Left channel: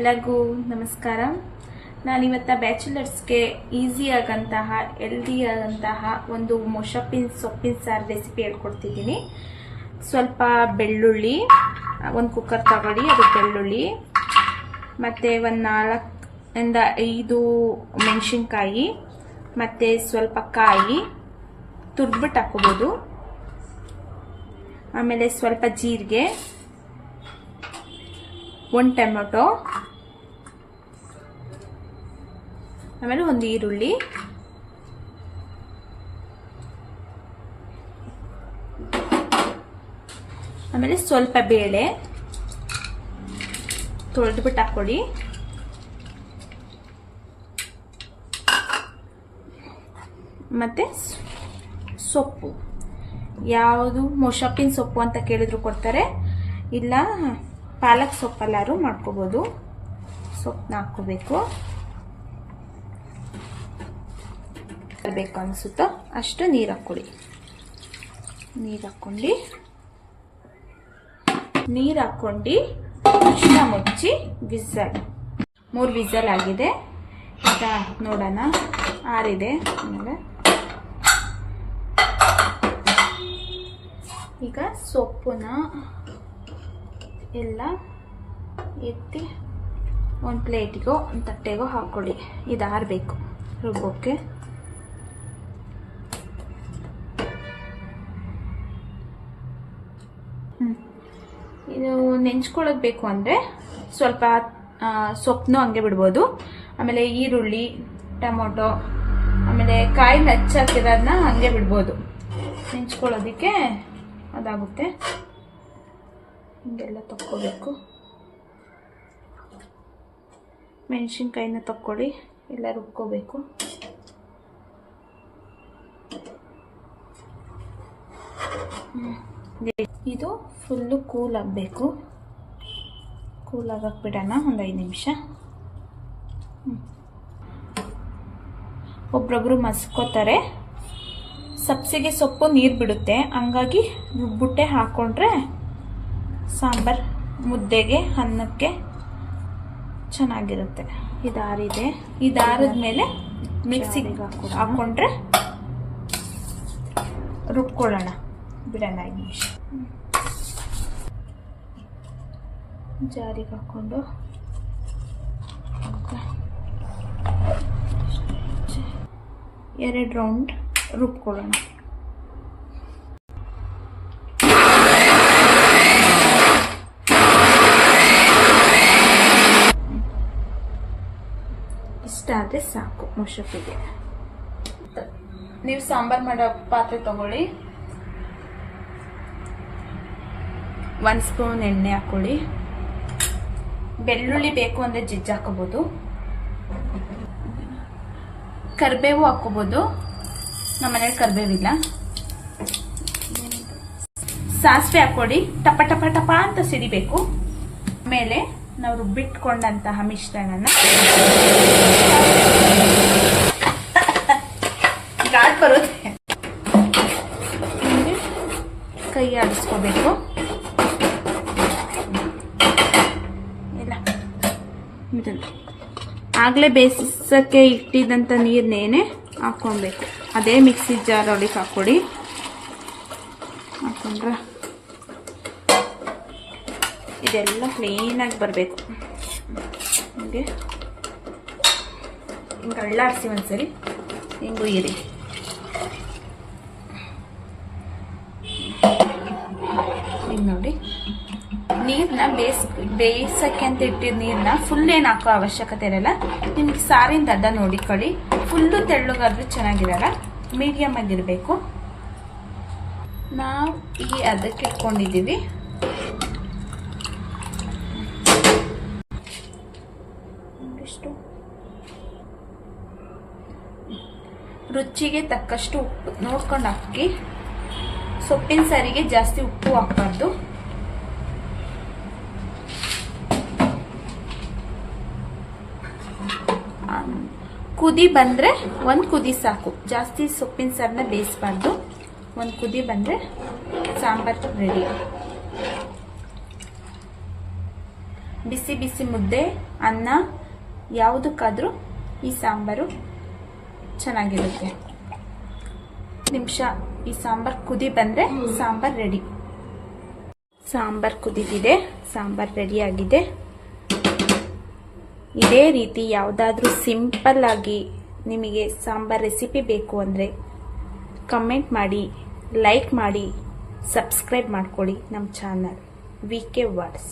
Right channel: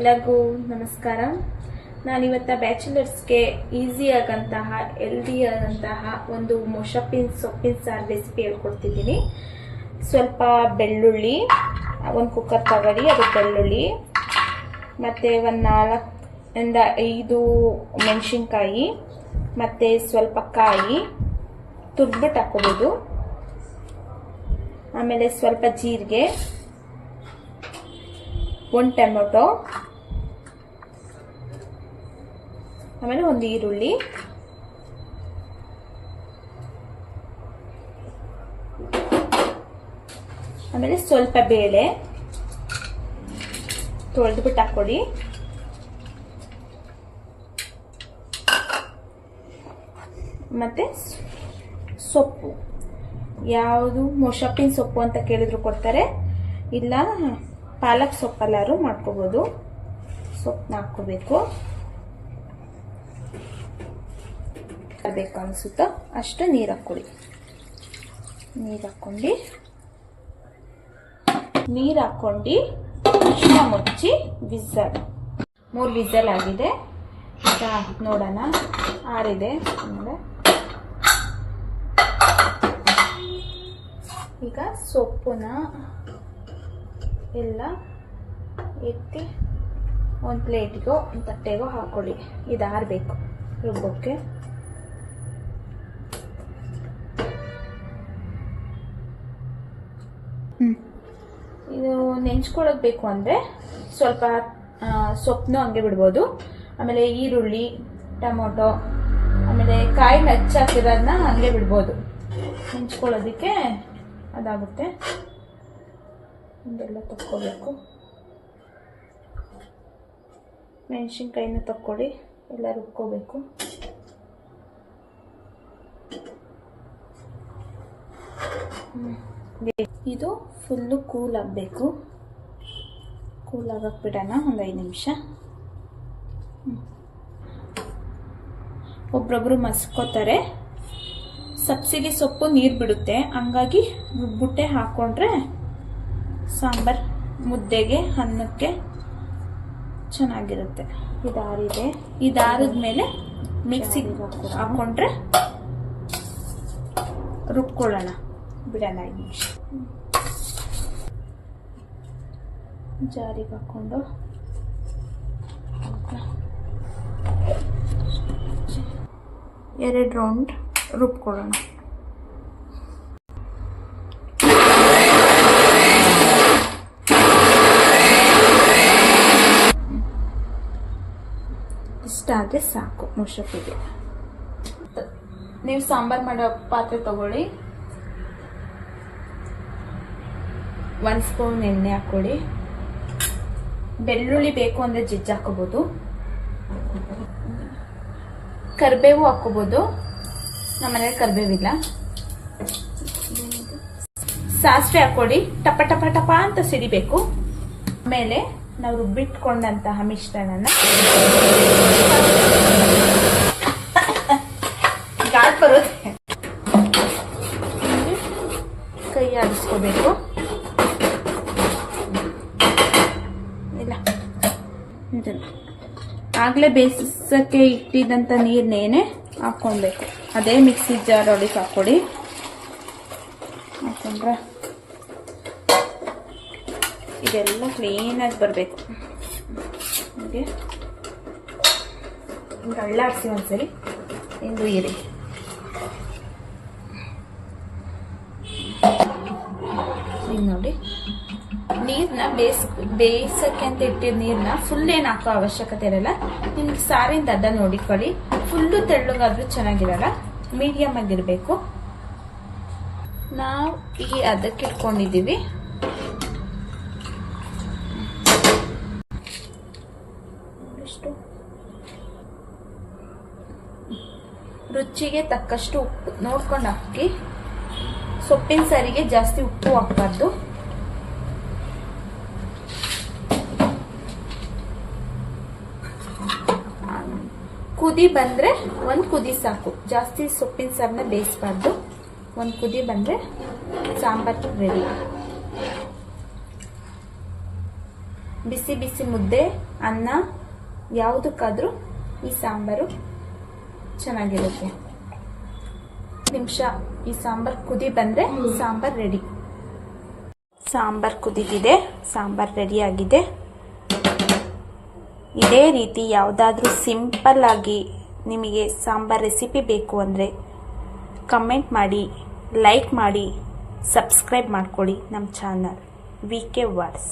ಎಲ್ಲರಿಗೂ ನಮಸ್ಕಾರ. ನಾನಿವತ್ತ ಬ್ಯಾಚುಲರ್ಸ್ಗೆ easy ಆಗಂತಹ healthy ಆದಂತಹ ಒಂದು ಮೊಸಪಿನ ಸೊಪ್ಪಿನ ಸಾರು ರೆಸಿಪಿ ಹೇಳ್ಕೊಡ್ತಿದ್ದೀನಿ. ಸ್ವಲ್ಪ ಬೆಳ್ಳುಳ್ಳಿ, ಒಂದು ಕುಕ್ಕರ್ ತಗೊಳ್ಳಿ, ಅದು ಬೆಳ್ಳುಳ್ಳಿ ಮತ್ತು ಒಂದು 4 ಇಂದ 5 ಮೆಣಸಿನ್ಕಾಯಿ ಮತ್ತು ಸ್ವಲ್ಪ ಕಾಯಿ ತುರ್ದ್ಬಿಟ್ಟು ಹಾಕೋಬೋದು. ಆಮೇಲೆ ಸ್ವಲ್ಪ ಜೀರಿಗೆ, 1 ಟೊಮೆಟೊ, ಆಮೇಲೆ 1 ಈರುಳ್ಳಿ, ಆಮೇಲೆ ಸ್ವಲ್ಪ ಬೇಳೆ ತೊಳೆದ್ಬಿಟ್ಟು ಹಾಕೊಳ್ಳಿ. ಮತ್ತೆ ಸೊಪ್ಪು, ಯಾವುದು ಮೊಸಪಿನ ಸೊಪ್ಪು ಅಂತ ಕೇಳಿದ್ರು ಕೊಡ್ತಾರೆ, ಇಲ್ಲ ಪಾಲಕ್ ಸೊಪ್ಪಲ್ಲಾರು ಮಾಡ್ಕೋಬೋದು. ಸೊಪ್ಪನ್ನ ಹಾಕೋಬೇಕು, ಬೇಕು ಅನಿಸುತ್ತೋ ಅಷ್ಟು ನೀರು ಹಾಕೊಳ್ಳಿ. ನೀರು ಹಾಕೊಂಡು ಅರ್ಶಿನ ಮುಚ್ಚಿ ವಿಸಲ್ 3 ವಿಸಲ್ ಆಗಿದೆ. ಈಗ ನೋಡೋಣ, ಆರಿದೆ. ಆಮೇಲೆ ಈಗ ಸೊಪ್ಪನ್ನ ಎಲ್ಲ ಎತ್ತಿ ಒಂದು ಪ್ಲೇಟಿಗೋ ಒಂದು ತಟ್ಟೆಗೋ ಹಾಕೊಳ್ಳಿ. ಇದು ಆರಬೇಕು ರುಬ್ಬೋಕ್ಕೆ. ಇದು ನೆಂಚ್ಕೊಳ್ಳೋದು ಬೇಕು ಅಂದರೆ ಸ್ವಲ್ಪ ಸೊಪ್ಪನ್ನು ಹಂಗೆ ಬಿಡ್ಬೋದು. ಆಮೇಲೆ ಈರುಳ್ಳಿ, ಟೊಮೊಟೊ, ಆಮೇಲೆ ಕಾಯಿ ಹಚ್ಚಾಕಿರೋದನ್ನ ಹಂಗೆ ಬಿಡ್ಬೋದು. ನೆಂಚ್ಕೊಳ್ಳೋದಕ್ಕೆ ಅದಾಗುತ್ತೆ. ಹಿಂಗೆಲ್ಲ ತಕ್ಕೋಬೇಕು. ಮೆಣಸಿನ್ಕಾಯಿನ ತಕ್ಕೊಳ್ಳಿ, ಎಲ್ಲ ರುಬ್ಕೋಬೇಕು. ಇದು ಫುಲ್ಲು ಕೂಲ್ ಆಗಬೇಕು. ಕೂಲ್ ಆಗಕ್ಕೆ ಬಿಡೋಣ ಒಂದು 5 ನಿಮಿಷ. ಒಬ್ರೊಬ್ರು ಮಸ್ಕೋತಾರೆ. ಸಬ್ಸಿಗೆ ಸೊಪ್ಪು ನೀರು ಬಿಡುತ್ತೆ, ಹಂಗಾಗಿ ರುಬ್ಬಿಟ್ಟೆ ಹಾಕೊಂಡ್ರೆ ಸಾಂಬಾರ್ ಮುದ್ದೆಗೆ, ಅನ್ನಕ್ಕೆ ಚೆನ್ನಾಗಿರುತ್ತೆ. ಇದಾರಿದೆ. ಇದಾರಿದ್ಮೇಲೆ ಮಿಕ್ಸಿಗೆ ಹಾಕೊಂಡ್ರೆ ರುಬ್ಕೊಳ್ಳೋಣ. ಬಿಡೋಣ 5 ನಿಮಿಷ. ಜಾರಿಗೆ ಹಾಕೊಂಡು 2 ರೌಂಡ್ ರುಬ್ಕೊಳ್ಳೋಣ. ಇಷ್ಟಾದರೆ ಸಾಕು ಮೊಸಪಿಗೆ. ನೀವು ಸಾಂಬಾರ್ ಮಾಡೋ ಪಾತ್ರೆ ತಗೊಳ್ಳಿ, 1 ಸ್ಪೂನ್ ಎಣ್ಣೆ ಹಾಕೊಳ್ಳಿ. ಬೆಳ್ಳುಳ್ಳಿ ಬೇಕು ಅಂದರೆ ಜಜ್ಜಿ ಹಾಕೋಬೋದು, ಕರಿಬೇವು ಹಾಕೋಬೋದು. ನಮ್ಮ ಮನೇಲಿ ಕರಿಬೇವಿಲ್ಲ. ಸಾಸಿವೆ ಹಾಕೊಳ್ಳಿ, ಟಪ ಟಪ ಟಪ ಅಂತ ಸಿಡಿಬೇಕು. ಆಮೇಲೆ ನಾವು ರುಬ್ಬಿಟ್ಕೊಂಡಂತಹ ಮಿಶ್ರಣನ ಘಾಟ್ ಬರುತ್ತೆ, ಕೈ ಆಡಿಸ್ಕೋಬೇಕು. ಇಲ್ಲ, ಆಗಲೇ ಬೇಯಿಸಕ್ಕೆ ಇಟ್ಟಿದ್ದಂಥ ನೀರನ್ನೇನೆ ಹಾಕೊಬೇಕು. ಅದೇ ಮಿಕ್ಸಿ ಜಾರ್ ಒಳಗೆ ಹಾಕ್ಕೊಡಿ. ಹಾಕೊಂಡ್ರೆ ಇದೆಲ್ಲ ಕ್ಲೀನಾಗಿ ಬರಬೇಕು. ಹಿಂಗೆ ಅಳ್ಳಾಡಿಸಿ ಒಂದ್ಸರಿ ಹಿಂಗೆ ಉಯ್ಯಿರಿ. ಹಿಂಗೆ ನೋಡಿ, ನೀರನ್ನ ಬೇಯಿಸಕ್ಕೆ ಅಂತ ಇಟ್ಟಿದ್ದ ನೀರನ್ನ ಫುಲ್ ಏನು ಹಾಕೋ ಅವಶ್ಯಕತೆ ಇರಲ್ಲ. ನಿಮ್ಗೆ ಸಾರಿನ ಅಡ್ಡ ನೋಡಿಕೊಳ್ಳಿ. ಫುಲ್ಲು ತೆಳ್ಳಗಾದ್ರೂ ಚೆನ್ನಾಗಿರಲ್ಲ, ಮೀಡಿಯಮ್ ಆಗಿರಬೇಕು. ನಾವು ಈ ಅದಕ್ಕೆ ಇಟ್ಕೊಂಡಿದ್ದೀವಿ. ರುಚಿಗೆ ತಕ್ಕಷ್ಟು ಉಪ್ಪು ನೋಡ್ಕೊಂಡು ಹಾಕಿ. ಸೊಪ್ಪಿನ ಸಾರಿಗೆ ಜಾಸ್ತಿ ಉಪ್ಪು ಹಾಕಬಾರ್ದು. ಕುದಿ ಬಂದ್ರೆ 1 ಕುದಿ ಸಾಕು, ಜಾಸ್ತಿ ಸೊಪ್ಪಿನ ಸಾರನ್ನ ಬೇಯಿಸಬಾರ್ದು. 1 ಕುದಿ ಬಂದ್ರೆ ಸಾಂಬಾರ್ ರೆಡಿ. ಬಿಸಿ ಬಿಸಿ ಮುದ್ದೆ, ಅನ್ನ ಯಾವುದಕ್ಕಾದ್ರೂ ಈ ಸಾಂಬಾರು ಚೆನ್ನಾಗಿರುತ್ತೆ. ನಿಮಿಷ ಈ ಸಾಂಬಾರ್ ಕುದಿ ಬಂದ್ರೆ ಸಾಂಬಾರ್ ರೆಡಿ. ಸಾಂಬಾರ್ ಕುದಿಗಿದೆ, ಸಾಂಬಾರ್ ರೆಡಿ ಆಗಿದೆ. ಇದೇ ರೀತಿ ಯಾವುದಾದ್ರೂ ಸಿಂಪಲ್ ಆಗಿ ನಿಮಗೆ ಸಾಂಬಾರ್ ರೆಸಿಪಿ ಬೇಕು ಅಂದರೆ ಕಮೆಂಟ್ ಮಾಡಿ, ಲೈಕ್ ಮಾಡಿ, ಸಬ್ಸ್ಕ್ರೈಬ್ ಮಾಡ್ಕೊಳ್ಳಿ ನಮ್ಮ ಚಾನಲ್ VK Words.